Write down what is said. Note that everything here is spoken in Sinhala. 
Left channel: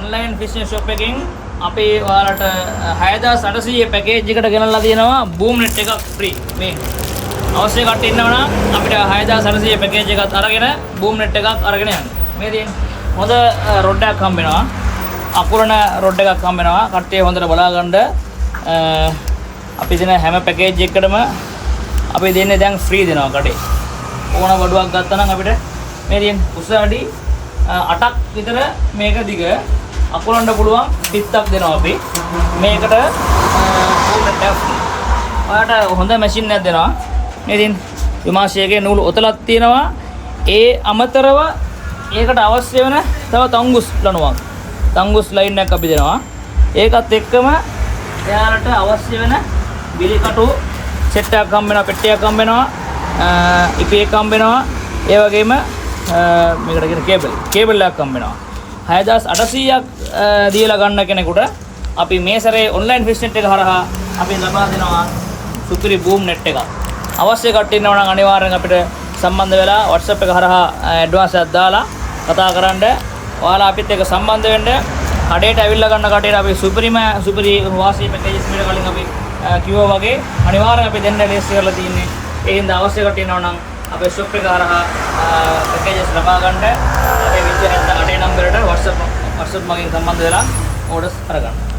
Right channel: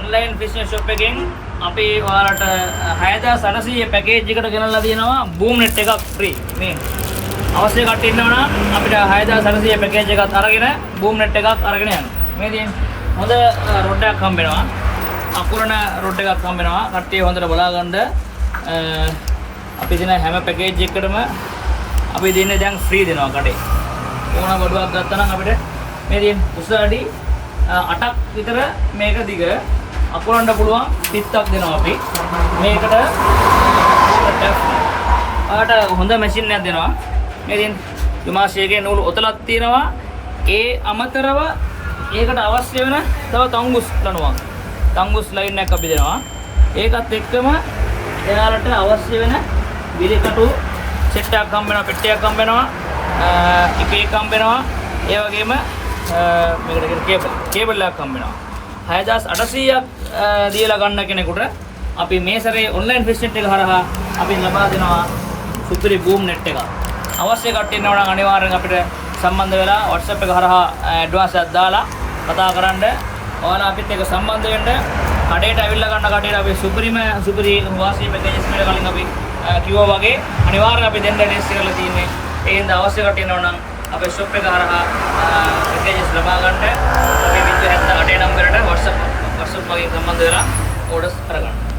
ඔන්ලයින් ෆිෂින් ෂොප් එකෙන් අපි ඔයාලට 6800 පැකේජ් එකට ගෙනල්ලා තියෙනවා බූම් net එකක් ෆ්‍රී. මේ අවශ්‍ය කට්ටිය ඉන්නවා නම් අපිට 6800 පැකේජ් එකත් අරගෙන බූම් net එකක් අරගෙන යන්න. මේ තියෙන්නේ හොඳ රොඩ් එකක් හම්බ වෙනවා. අකුරණ රොඩ් එකක් හම්බ වෙනවා. කට්ටිය හොඳට බලා ගන්න. අපි දෙන හැම පැකේජ් එකකටම අපි දෙන්නේ දැන් ෆ්‍රී දෙනවා කඩේ. ඕන බඩුවක් ගත්තා නම් අපිට මේ තියෙන උස අඩි 8ක් විතර මේක දිග අකුරන්න පුළුවන් පිටක් දෙනවා අපි. මේකට ඔයාලට හොඳ මැෂින් එකක් දෙනවා. මේ තියෙන විමාශයකේ නූල් ඔතලක් තියෙනවා. ඒ අමතරව ඒකට අවශ්‍ය වෙන තව තංගුස් ලණුවක්. තංගුස් ලයින් එකක් අපි දෙනවා. ඒකත් එක්කම එයාලට අවශ්‍ය වෙන බිලිකටු සෙට් එකක් හම්බ වෙනවා, පෙට්ටියක් හම්බ වෙනවා, ඉපේක් හම්බ වෙනවා. ඒ වගේම මේකට කියන කේබල් එකක් හම්බ වෙනවා. 6800ක් දීලා ගන්න කෙනෙකුට අපි මේ සැරේ ඔන්ලයින් ෆිෂ් net එක හරහා අපි ලබා දෙනවා සුපිරි බූම් net එකක්. අවශ්‍ය කට්ටිය ඉන්නවා නම් අනිවාර්යෙන් අපිට සම්බන්ධ වෙලා WhatsApp එක හරහා ඇඩ්වාන්ස් එකක් දාලා කතා කරන්න. ඔයාලා අපිත් එක්ක සම්බන්ධ වෙන්න. කඩේට ඇවිල්ලා ගන්න කටේට අපි සුපිරි වාසී පැකේජස් කියලා කලින් අපි කිව්වා වගේ අනිවාර්යෙන් අපි දෙන්න රෙස්ට් කරලා තියෙන්නේ. ඒ හින්දා අවශ්‍ය කට්ටිය ඉන්නවා නම් අපේ shop එක හරහා පැකේජස් ලබා ගන්න. අපේ 78 නම්බරයට WhatsApp මගින් සම්බන්ධ වෙලා ඕඩර්ස් කරගන්න.